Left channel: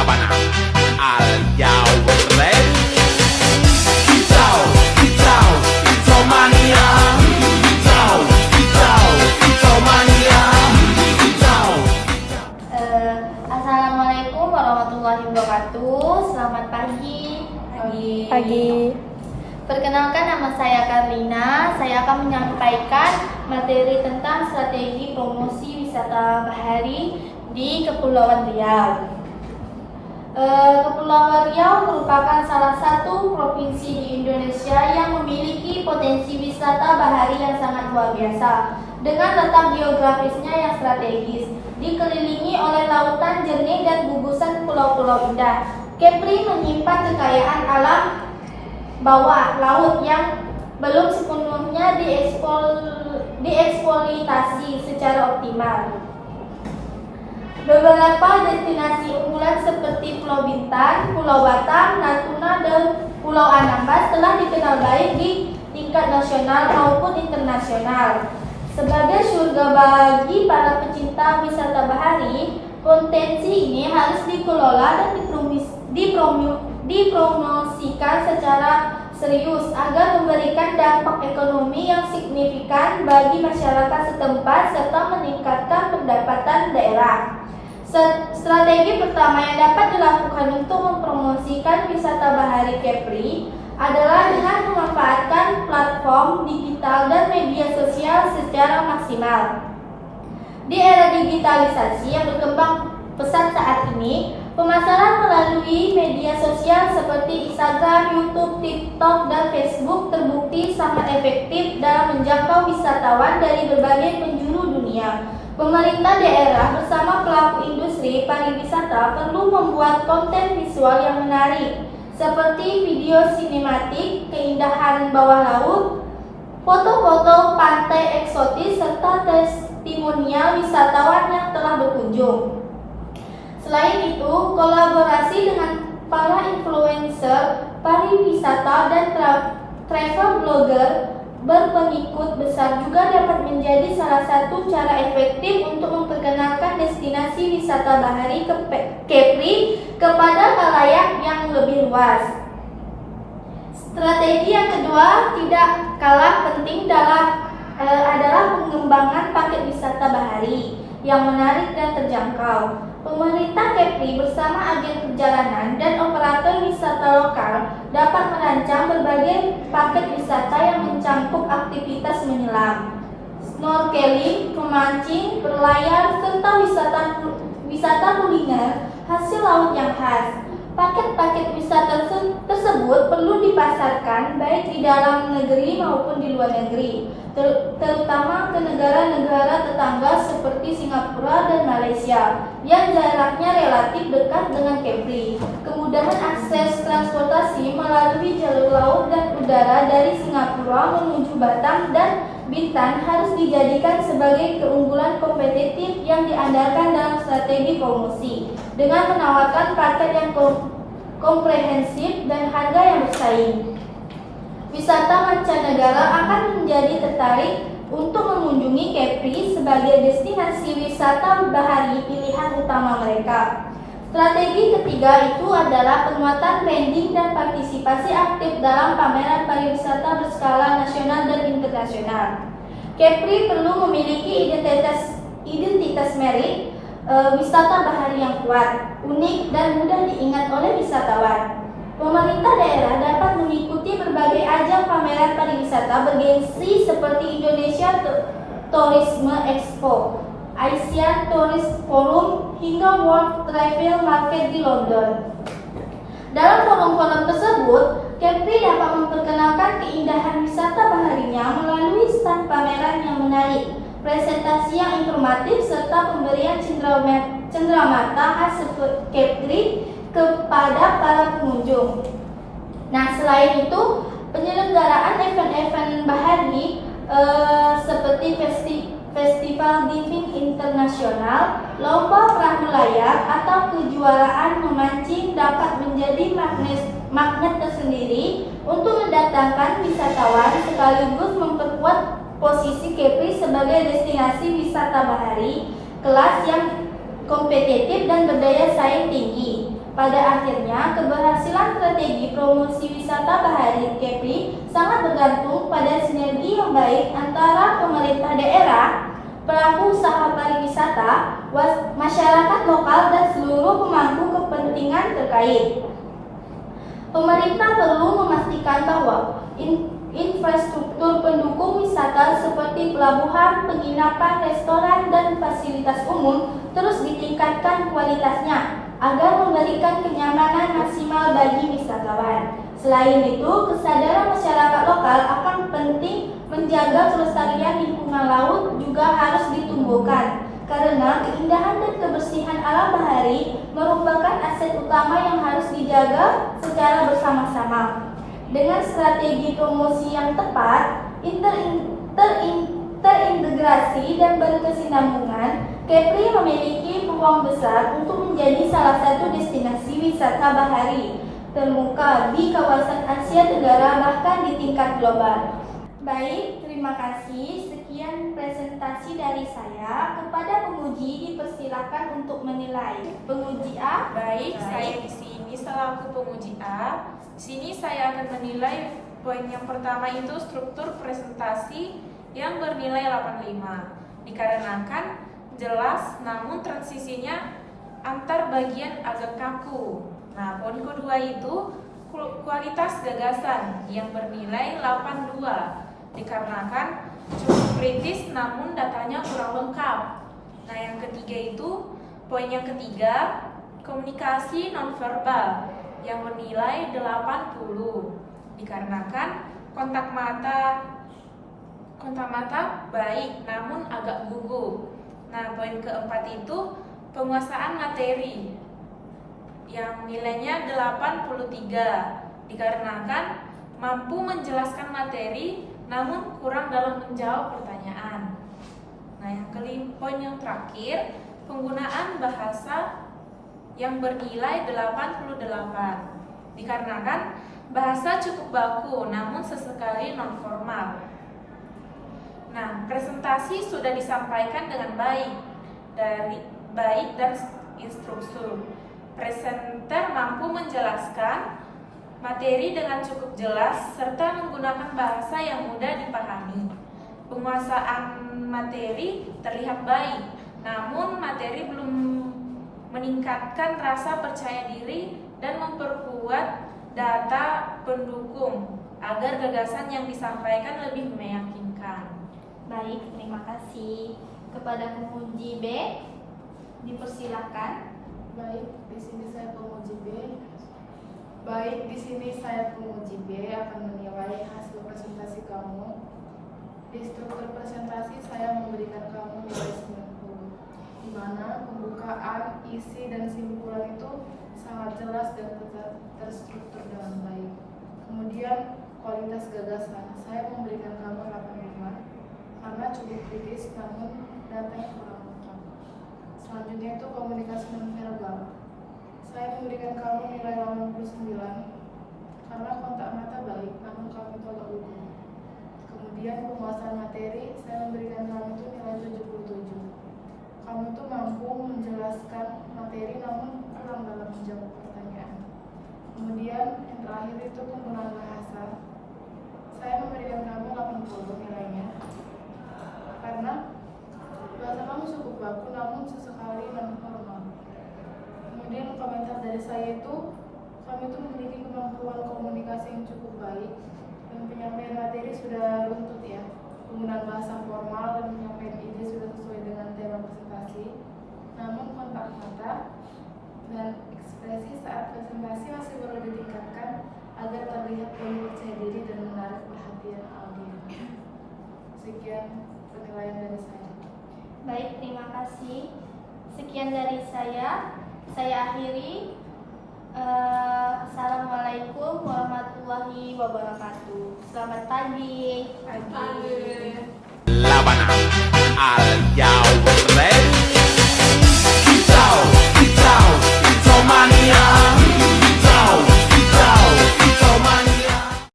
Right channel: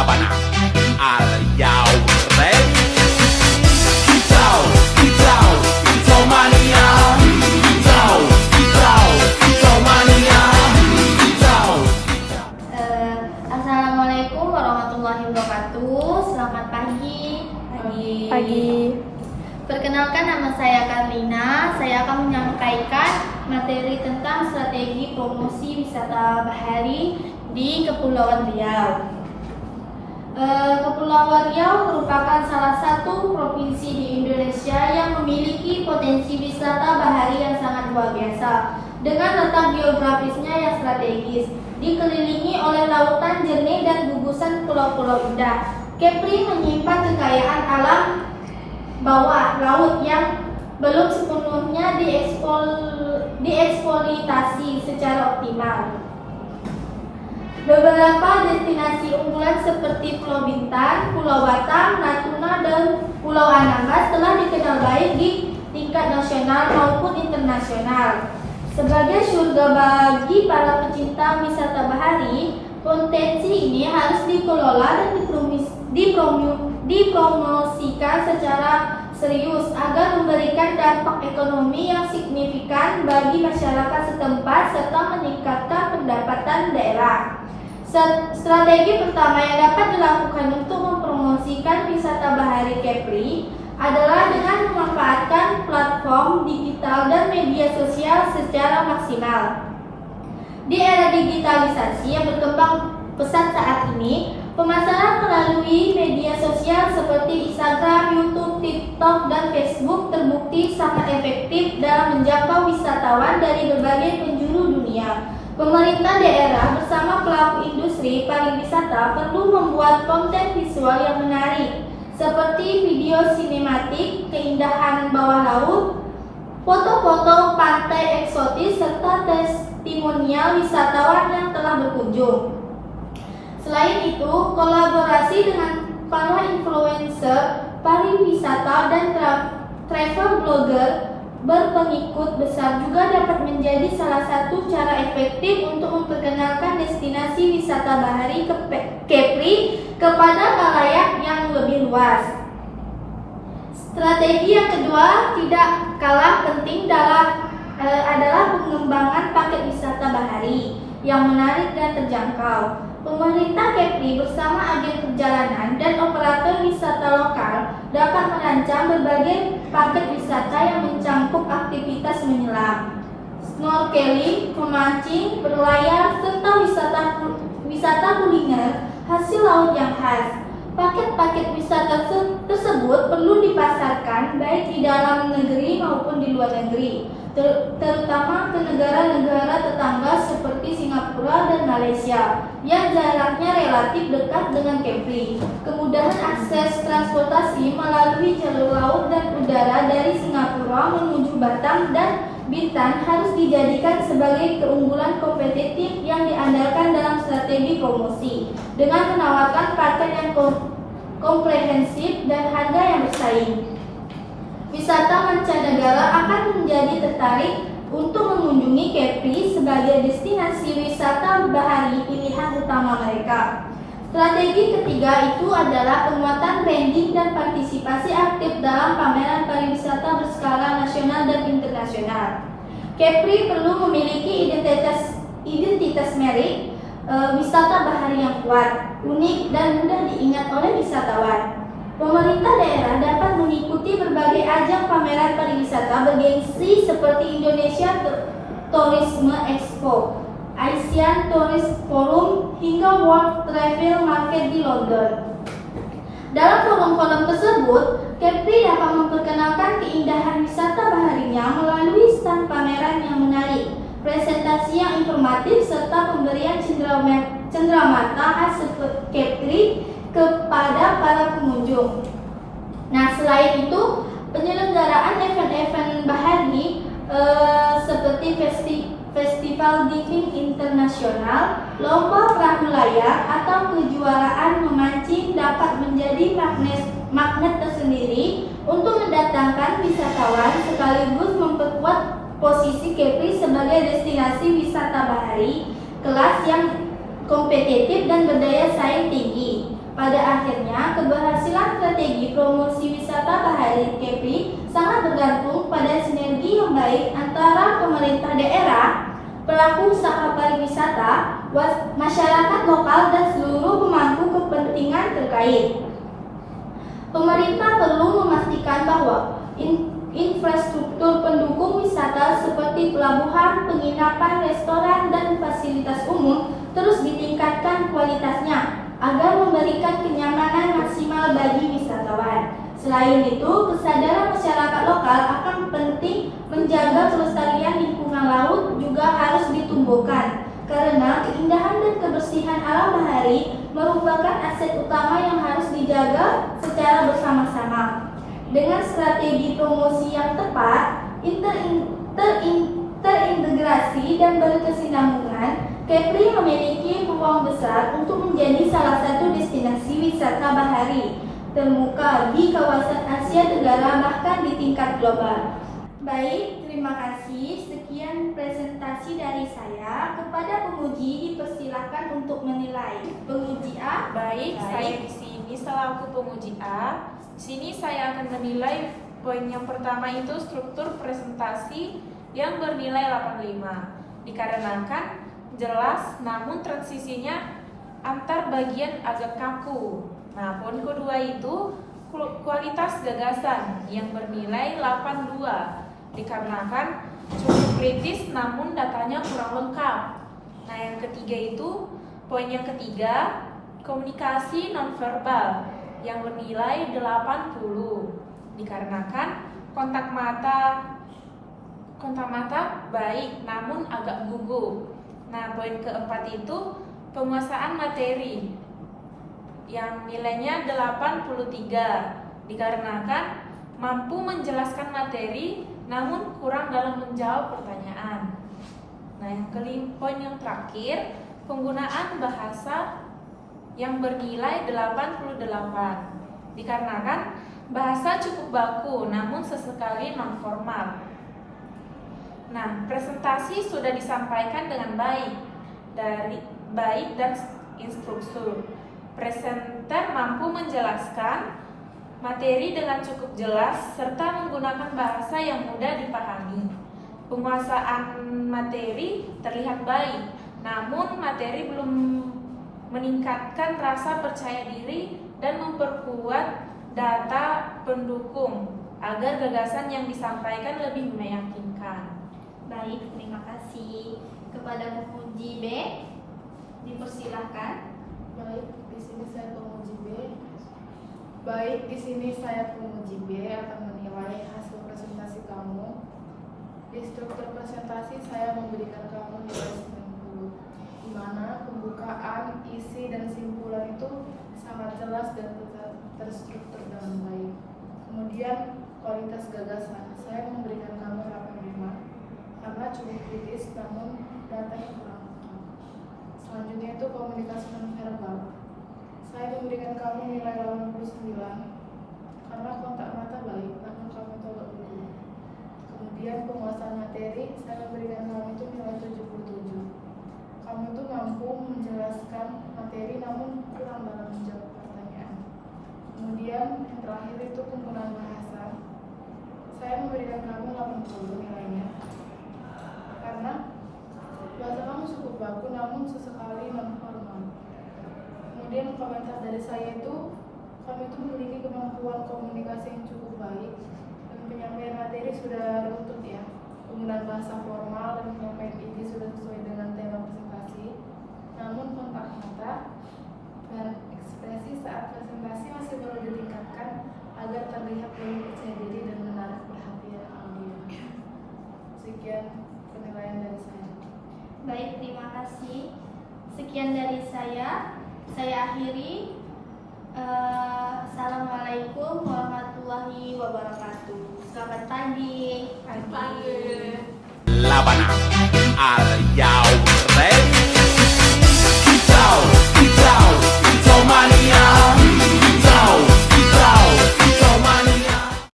Sabana. Are you ready? Kicau, kicau, kicau mania. Kicau, kicau, kicau mania. Kicau, kicau. Assalamualaikum warahmatullahi wabarakatuh. Selamat pagi. Pagi. Perkenalkan, nama saya Karlina. Saya akan menyampaikan materi tentang strategi promosi wisata bahari di Kepulauan Riau. Kepulauan Riau merupakan salah satu provinsi di Indonesia yang memiliki potensi wisata bahari yang sangat luar biasa. Dengan letak geografisnya yang strategis, dikelilingi oleh lautan jernih dan gugusan pulau-pulau indah, Kepri menyimpan kekayaan alam bawah laut yang belum sepenuhnya dieksploitasi secara optimal. Beberapa destinasi unggulan seperti Pulau Bintan, Pulau Batam, Natuna, dan Pulau Anambas telah dikenal baik di tingkat nasional maupun internasional. Sebagai surga bagi para pecinta wisata bahari, potensi ini harus dikelola dan dipromosikan secara serius agar memberikan dampak ekonomi yang signifikan bagi masyarakat setempat serta meningkatkan pendapatan daerah. Strategi pertama yang dapat dilakukan untuk mempromosikan wisata bahari Kepri adalah dengan memanfaatkan platform digital dan media sosial secara maksimal. Di era digitalisasi yang berkembang pesat saat ini, pemasaran melalui media sosial seperti Instagram, YouTube, TikTok, dan Facebook terbukti sangat efektif dalam menjangkau wisatawan dari berbagai penjuru dunia. Pemerintah daerah bersama pelaku industri pariwisata perlu membuat konten visual yang menarik, seperti video sinematik, keindahan bawah laut, foto-foto pantai eksotis, serta testimonial wisatawan yang telah berkunjung. Selain itu, kolaborasi dengan para influencer pariwisata dan travel blogger berpengikut besar juga dapat menjadi salah satu cara efektif untuk memperkenalkan destinasi wisata bahari Kepri kepada khalayak yang lebih luas. Strategi yang kedua tidak kalah penting adalah pengembangan paket wisata bahari yang menarik dan terjangkau. Pemerintah Kepri bersama agen perjalanan dan operator wisata lokal dapat merancang berbagai paket wisata yang mencakup aktivitas menyelam, snorkeling, memancing, berlayar, serta wisata kuliner hasil laut yang khas. Paket-paket wisata tersebut perlu dipasarkan baik di dalam negeri maupun di luar negeri, terutama ke negara-negara tetangga seperti Singapura dan Malaysia yang jaraknya relatif dekat dengan Kepri. Kemudahan akses transportasi melalui jalur laut dan udara dari Singapura menuju Batam dan Bintan harus dijadikan sebagai keunggulan kompetitif yang diandalkan dalam strategi promosi dengan menawarkan paket yang komprehensif dan harga yang bersaing. Wisata mancanegara akan menjadi tertarik untuk mengunjungi Kepri sebagai destinasi wisata bahari pilihan utama mereka. Strategi ketiga itu adalah penguatan branding dan partisipasi aktif dalam pameran pariwisata berskala nasional dan internasional. Kepri perlu memiliki identitas merik wisata bahari yang kuat, unik, dan mudah diingat oleh wisatawan. Pemerintah daerah dapat mengikuti berbagai ajang pameran pariwisata bergengsi seperti Indonesia Tourism Expo, Asian Tourist Forum, hingga World Travel Market di London. Dalam forum-forum tersebut, Kepri dapat memperkenalkan keindahan wisata baharinya melalui stand pameran yang menarik, presentasi yang informatif, serta pemberian cenderamata khas Kepri kepada para pengunjung. Nah, selain itu, penyelenggaraan event-event bahari seperti Festival Diving Internasional, lomba perahu layar, atau kejuaraan memancing dapat menjadi magnet tersendiri untuk mendatangkan wisatawan sekaligus memperkuat posisi Kepri sebagai destinasi wisata bahari kelas yang kompetitif dan berdaya saing tinggi. Pada akhirnya, keberhasilan strategi promosi wisata bahari Kepri sangat bergantung pada sinergi yang baik antara pemerintah daerah, pelaku usaha pariwisata, masyarakat lokal, dan seluruh pemangku kepentingan terkait. Pemerintah perlu memastikan bahwa infrastruktur pendukung wisata seperti pelabuhan, penginapan, restoran, dan fasilitas umum terus ditingkatkan kualitasnya agar memberikan kenyamanan maksimal bagi wisatawan. Selain itu, kesadaran masyarakat lokal akan penting menjaga kelestarian lingkungan laut juga harus ditumbuhkan, karena keindahan dan kebersihan alam bahari merupakan aset utama yang harus dijaga secara bersama-sama. Dengan strategi promosi yang tepat, terintegrasi dan berkesinambungan, Kepri memiliki peluang besar untuk menjadi salah satu destinasi wisata bahari termuka di kawasan Asia Tenggara bahkan di tingkat global. Baik, terima kasih. Sekian presentasi dari saya. Kepada penguji dipersilakan untuk menilai. Penguji A. Baik, saya di sini selaku penguji A. Di sini saya akan menilai poin yang pertama itu struktur presentasi yang bernilai 85. Dikarenakan jelas namun transisinya antar bagian agak kaku. Nah, poin kedua itu kualitas gagasan yang bernilai 82. Dikarenakan cukup kritis namun datanya kurang lengkap. Nah, yang ketiga itu poin yang ketiga komunikasi nonverbal yang bernilai 80. Dikarenakan kontak mata baik namun agak gugup. Nah, poin keempat itu penguasaan materi yang nilainya 83. Dikarenakan mampu menjelaskan materi namun kurang dalam menjawab pertanyaan. Nah, yang poin yang terakhir, penggunaan bahasa yang bernilai 88. Dikarenakan bahasa cukup baku namun sesekali non formal. Nah, presentasi sudah disampaikan dengan baik dan instruktur. Presenter mampu menjelaskan materi dengan cukup jelas serta menggunakan bahasa yang mudah dipahami. Penguasaan materi terlihat baik, namun materi belum meningkatkan rasa percaya diri dan memperkuat data pendukung agar gagasan yang disampaikan lebih meyakinkan. Baik, terima kasih. Kepada penguji B, dipersilakan. Baik, di sini saya penguji B. Baik, di sini saya penguji B akan menilai hasil presentasi kamu. Di struktur presentasi saya memberikan kamu nilai 90, di mana pembukaan, isi, dan simpulan itu sangat jelas dan terstruktur dengan baik. Kemudian kualitas gagasan saya memberikan kamu 85 karena cukup kritis namun datanya kurang lengkap. Selanjutnya itu komunikasi nonverbal. Saya memberikan kamu nilai 89 karena kontak mata baik namun kamu terlalu gugup. Kemudian penguasaan materi saya memberikan kamu itu nilai 77. Kamu itu mampu menjelaskan materi namun kurang dalam menjawab pertanyaan. Kemudian yang terakhir itu penggunaan bahasa. Saya memberikan kamu 80 nilainya karena bahasa kamu cukup baku namun sesekali non formal. Kemudian komentar dari saya itu, kamu itu memiliki kemampuan komunikasi yang cukup baik, dan penyampaian materi sudah runtut ya. Penggunaan bahasa formal dan penyampaian ide sudah sesuai dengan tema presentasi. Namun kontak mata dan ekspresi saat presentasi masih perlu ditingkatkan agar terlihat lebih percaya diri dan menarik perhatian audiens. Sekian penilaian dari saya. Baik, terima kasih. Sekian dari saya. Saya akhiri. Assalamualaikum warahmatullahi wabarakatuh. Selamat pagi. Pagi. Labanang Al Yaure